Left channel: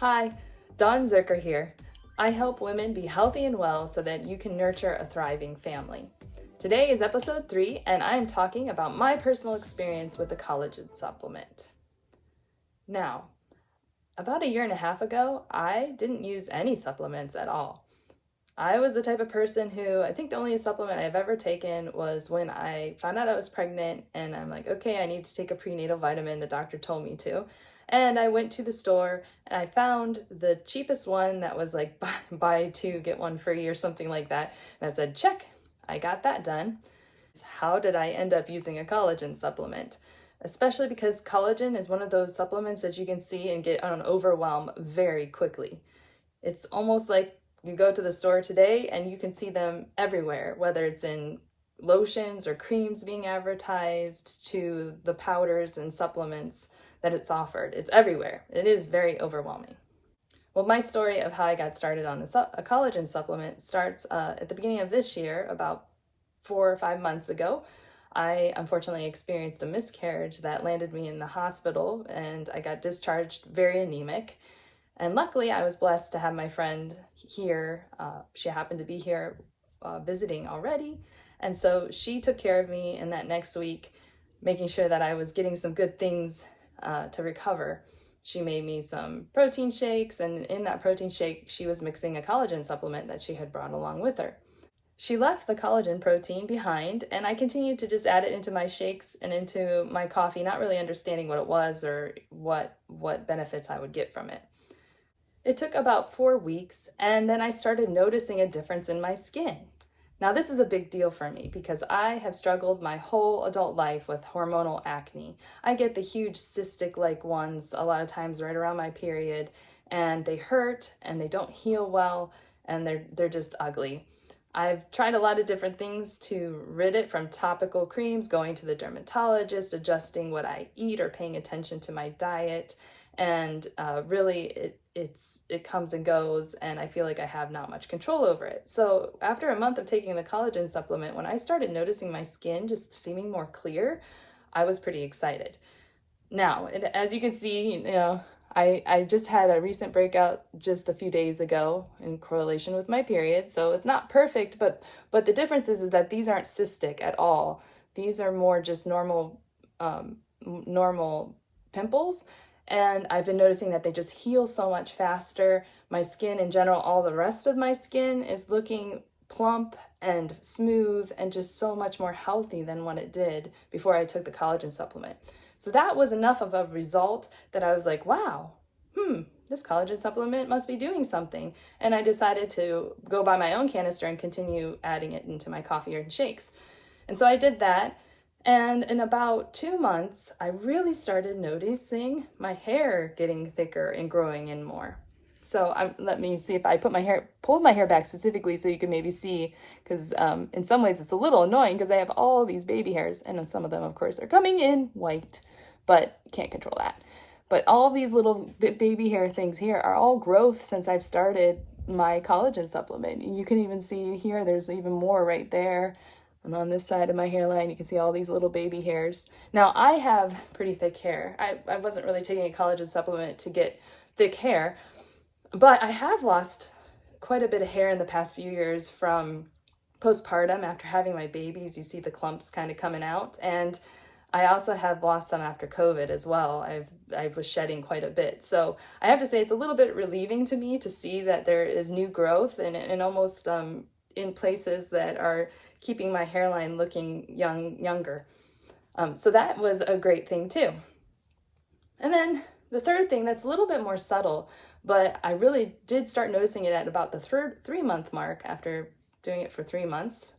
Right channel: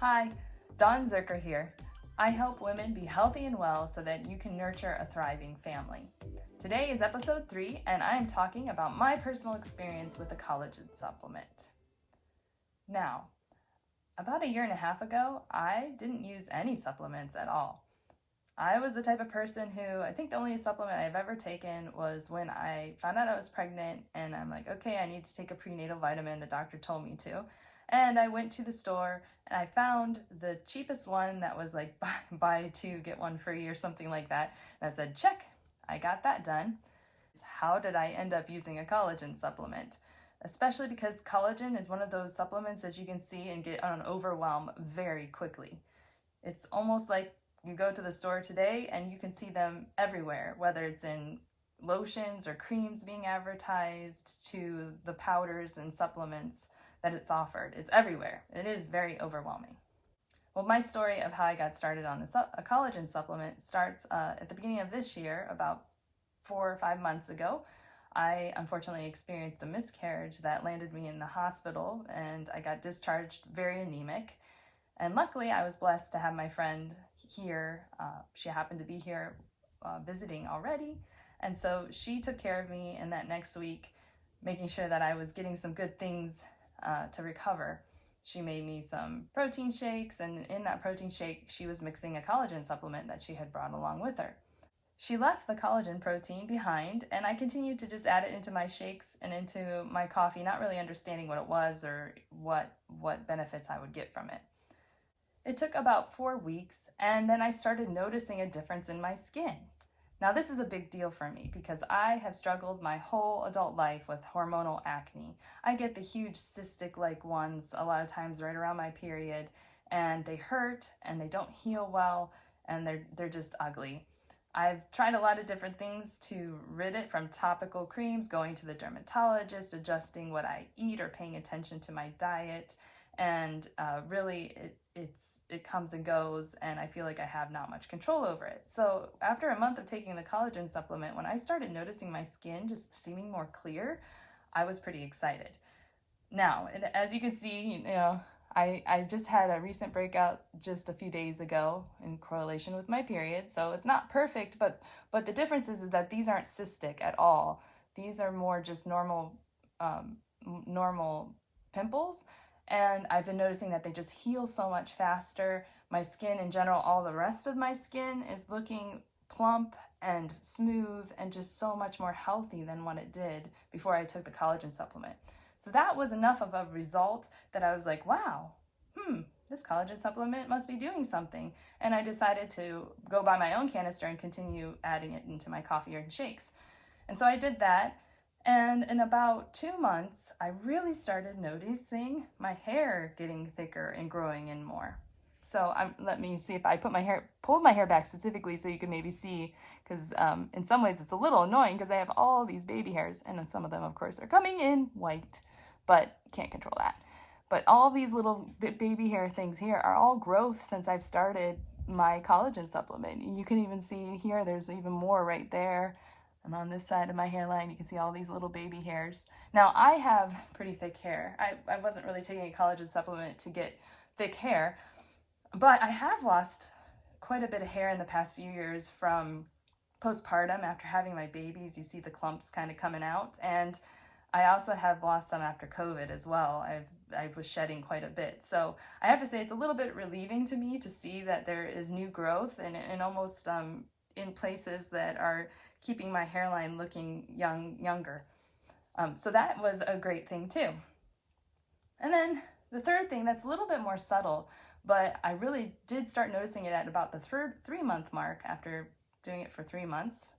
Hi, Dawn Zurcher here. I help women be healthy and well so that you can nurture a thriving family. Today is episode 3, and I'm talking about my personal experience with the collagen supplement. Now, about a year and a half ago, I didn't use any supplements at all. I was the type of person who, I think the only supplement I've ever taken was when I found out I was pregnant, and I'm like, okay, I need to take a prenatal vitamin. The doctor told me to. And I went to the store and I found the cheapest one that was like buy two, get one free or something like that. And I said, check, I got that done. How did I end up using a collagen supplement? Especially because collagen is one of those supplements that you can see and get an overwhelm very quickly. It's almost like you go to the store today and you can see them everywhere, whether it's in lotions or creams being advertised to the powders and supplements that it's offered. It's everywhere. It is very overwhelming. Well, my story of how I got started on a collagen supplement starts at the beginning of this year, about 4 or 5 months ago. I unfortunately experienced a miscarriage that landed me in the hospital, and I got discharged very anemic. And luckily, I was blessed to have my friend here. She happened to be here visiting already. And so she took care of me in that next week, making sure that I was getting some good things to recover. She made me some protein shakes, and in that protein shake, she was mixing a collagen supplement that she had brought along with her. She left the collagen protein behind, and I continued to just add it into my shakes and into my coffee, not really understanding what it was or what benefits I would get from it. It took about 4 weeks, and then I started noticing a difference in my skin. Now, this is a big deal for me because I have struggled my whole adult life with hormonal acne. I get the huge cystic-like ones a lot of times right around my period, and they hurt and they don't heal well, and they're just ugly. I've tried a lot of different things to rid it, from topical creams, going to the dermatologist, adjusting what I eat or paying attention to my diet, and really it comes and goes, and I feel like I have not much control over it. So after a month of taking the collagen supplement, when I started noticing my skin just seeming more clear, I was pretty excited. Now, as you can see, I just had a recent breakout just a few days ago in correlation with my period, so it's not perfect, but the difference is that these aren't cystic at all. These are more just normal pimples. And I've been noticing that they just heal so much faster. My skin in general, all the rest of my skin is looking plump and smooth and just so much more healthy than what it did before I took the collagen supplement. So that was enough of a result that I was like, wow, this collagen supplement must be doing something. And I decided to go buy my own canister and continue adding it into my coffee and shakes. And so I did that. And in about 2 months, I really started noticing my hair getting thicker and growing in more. So let me see if I pulled my hair back specifically so you can maybe see, because in some ways it's a little annoying because I have all these baby hairs, and some of them, of course, are coming in white, but can't control that. But all these little baby hair things here are all growth since I've started my collagen supplement. You can even see here, there's even more right there. And on this side of my hairline, you can see all these little baby hairs. Now, I have pretty thick hair. I wasn't really taking a collagen supplement to get thick hair, but I have lost quite a bit of hair in the past few years from postpartum. After having my babies, you see the clumps kind of coming out. And I also have lost some after COVID as well. I was shedding quite a bit. So I have to say it's a little bit relieving to me to see that there is new growth and almost in places that are keeping my hairline looking younger. So that was a great thing too. And then the third thing that's a little bit more subtle, but I really did start noticing it at about the 3-month mark after doing it for 3 months,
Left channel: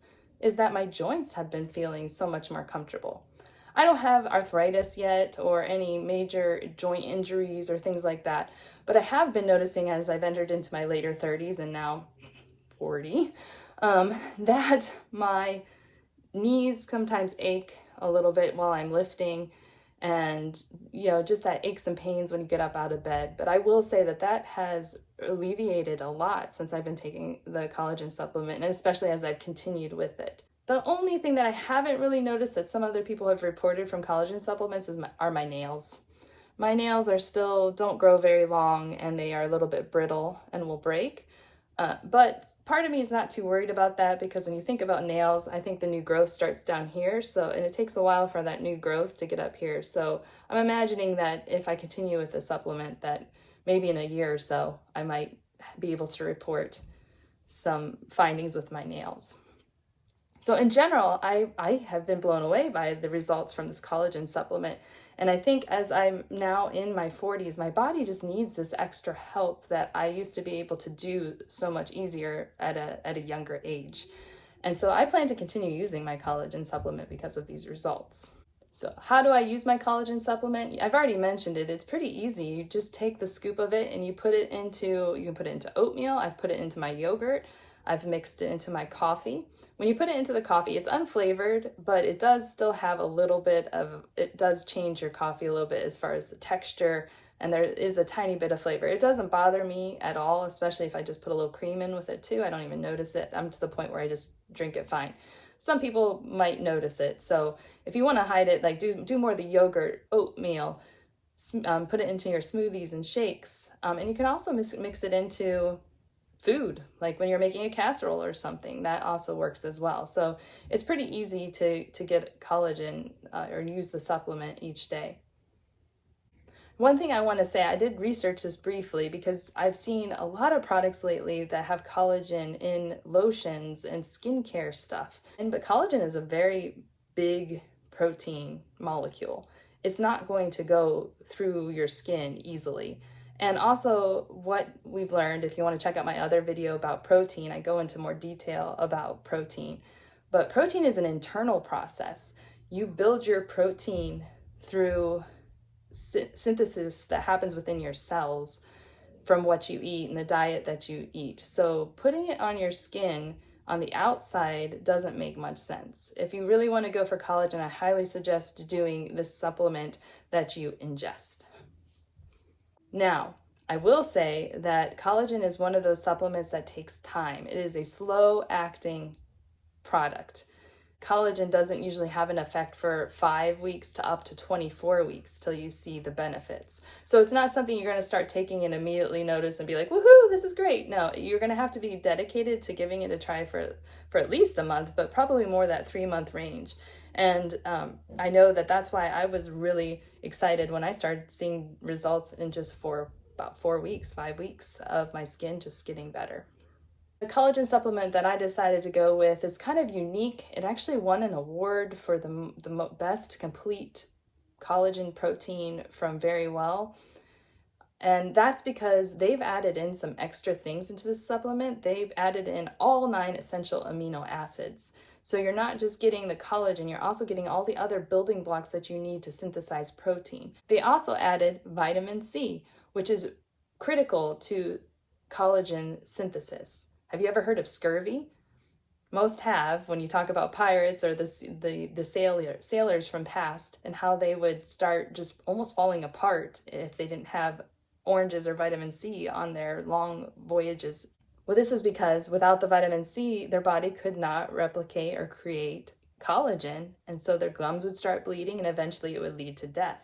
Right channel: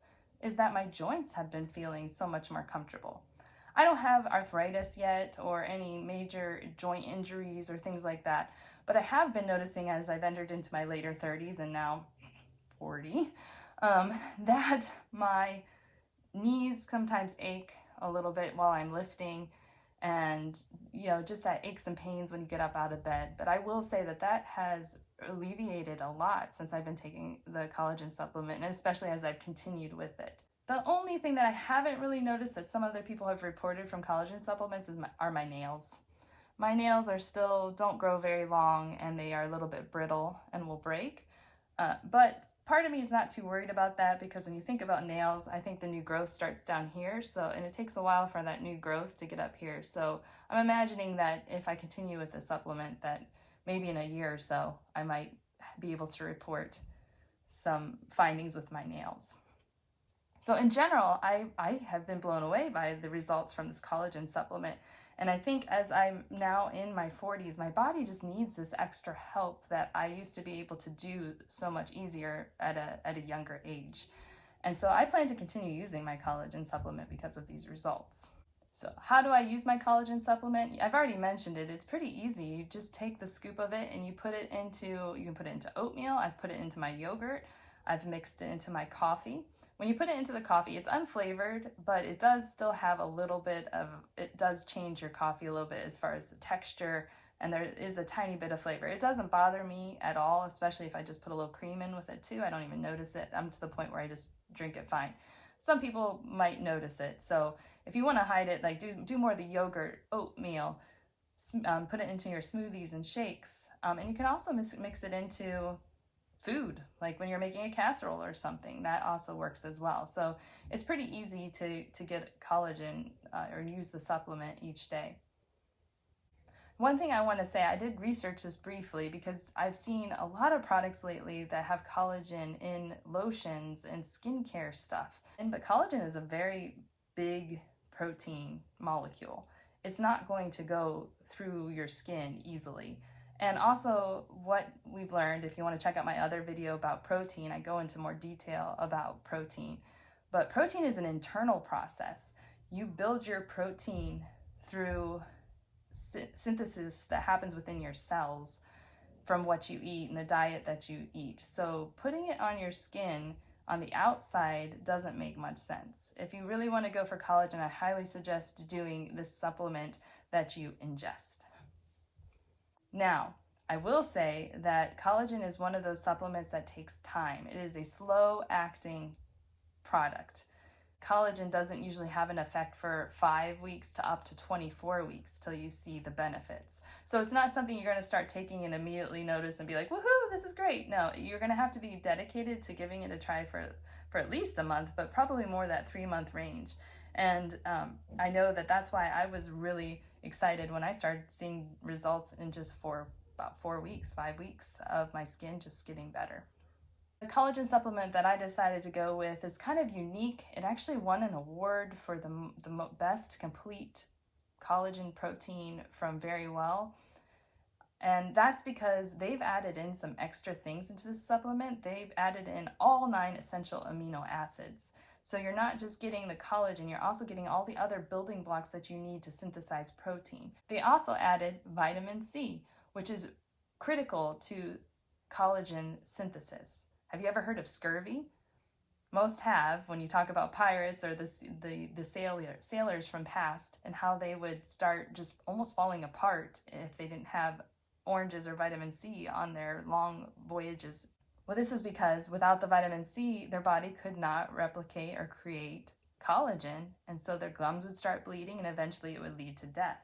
is that my joints have been feeling so much more comfortable. I don't have arthritis yet or any major joint injuries or things like that, but I have been noticing as I've entered into my later 30s and now 40, that my knees sometimes ache a little bit while I'm lifting, and just that aches and pains when you get up out of bed. But I will say that has alleviated a lot since I've been taking the collagen supplement, and especially as I've continued with it. The only thing that I haven't really noticed that some other people have reported from collagen supplements are my nails. My nails don't grow very long, and they are a little bit brittle and will break. But part of me is not too worried about that, because when you think about nails, I think the new growth starts down here. And it takes a while for that new growth to get up here. So I'm imagining that if I continue with the supplement, that maybe in a year or so, I might be able to report some findings with my nails. So in general, I have been blown away by the results from this collagen supplement. And I think as I'm now in my 40s, my body just needs this extra help that I used to be able to do so much easier at a younger age. And so I plan to continue using my collagen supplement because of these results. So how do I use my collagen supplement? I've already mentioned it. It's pretty easy. You just take the scoop of it and you can put it into oatmeal. I've put it into my yogurt. I've mixed it into my coffee. When you put it into the coffee, it's unflavored, but it does still have it does change your coffee a little bit as far as the texture, and there is a tiny bit of flavor. It doesn't bother me at all, especially if I just put a little cream in with it too. I don't even notice it. I'm to the point where I just drink it fine. Some people might notice it. So if you want to hide it, like do more of the yogurt, oatmeal, put it into your smoothies and shakes. And you can also mix it into food, like when you're making a casserole or something. That also works as well. So it's pretty easy to get collagen or use the supplement each day. One thing I want to say, I did research this briefly because I've seen a lot of products lately that have collagen in lotions and skincare stuff. But collagen is a very big protein molecule. It's not going to go through your skin easily. And also what we've learned, if you want to check out my other video about protein, I go into more detail about protein. But protein is an internal process. You build your protein through synthesis that happens within your cells from what you eat and the diet that you eat. So putting it on your skin on the outside doesn't make much sense. If you really want to go for collagen, I highly suggest doing this supplement that you ingest. Now, I will say that collagen is one of those supplements that takes time. It is a slow-acting product. Collagen doesn't usually have an effect for 5 weeks to up to 24 weeks till you see the benefits. So it's not something you're going to start taking and immediately notice and be like, woohoo, this is great. No, you're going to have to be dedicated to giving it a try for at least a month, but probably more that 3-month range. And I know that's why I was really excited when I started seeing results in just about 4 weeks, 5 weeks of my skin just getting better. The collagen supplement that I decided to go with is kind of unique. It actually won an award for the best complete collagen protein from Very Well. And that's because they've added in some extra things into this supplement. They've added in all 9 essential amino acids. So you're not just getting the collagen, you're also getting all the other building blocks that you need to synthesize protein. They also added vitamin C, which is critical to collagen synthesis. Have you ever heard of scurvy? Most have, when you talk about pirates or the sailors from past, and how they would start just almost falling apart if they didn't have oranges or vitamin C on their long voyages. Well, this is because without the vitamin C, their body could not replicate or create collagen, and so their gums would start bleeding and eventually it would lead to death.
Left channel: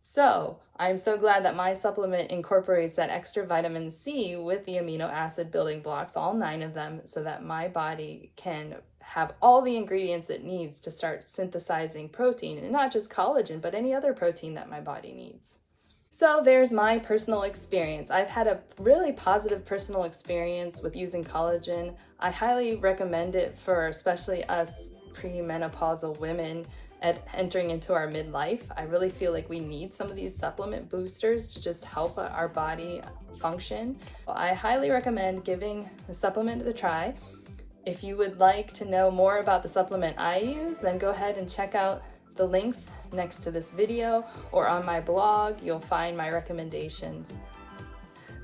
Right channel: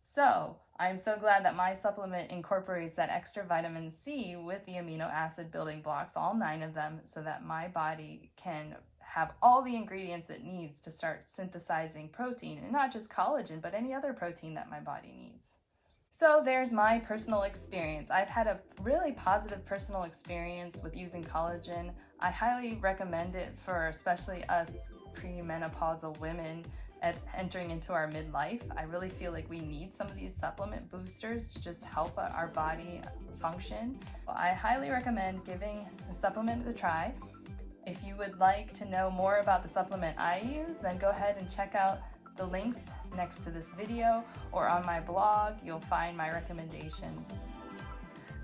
So I'm so glad that my supplement incorporates that extra vitamin C with the amino acid building blocks, all 9 of them, so that my body can have all the ingredients it needs to start synthesizing protein, and not just collagen, but any other protein that my body needs. So there's my personal experience. I've had a really positive personal experience with using collagen. I highly recommend it for especially us premenopausal women entering into our midlife. I really feel like we need some of these supplement boosters to just help our body function. I highly recommend giving the supplement a try. If you would like to know more about the supplement I use, then go ahead and check out the links next to this video, or on my blog, you'll find my recommendations.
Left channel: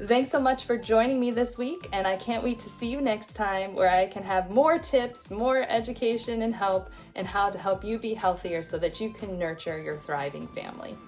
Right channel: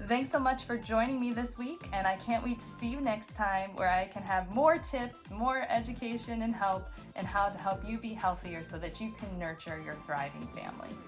Thanks so much for joining me this week, and I can't wait to see you next time, where I can have more tips, more education and help, and how to help you be healthier so that you can nurture your thriving family.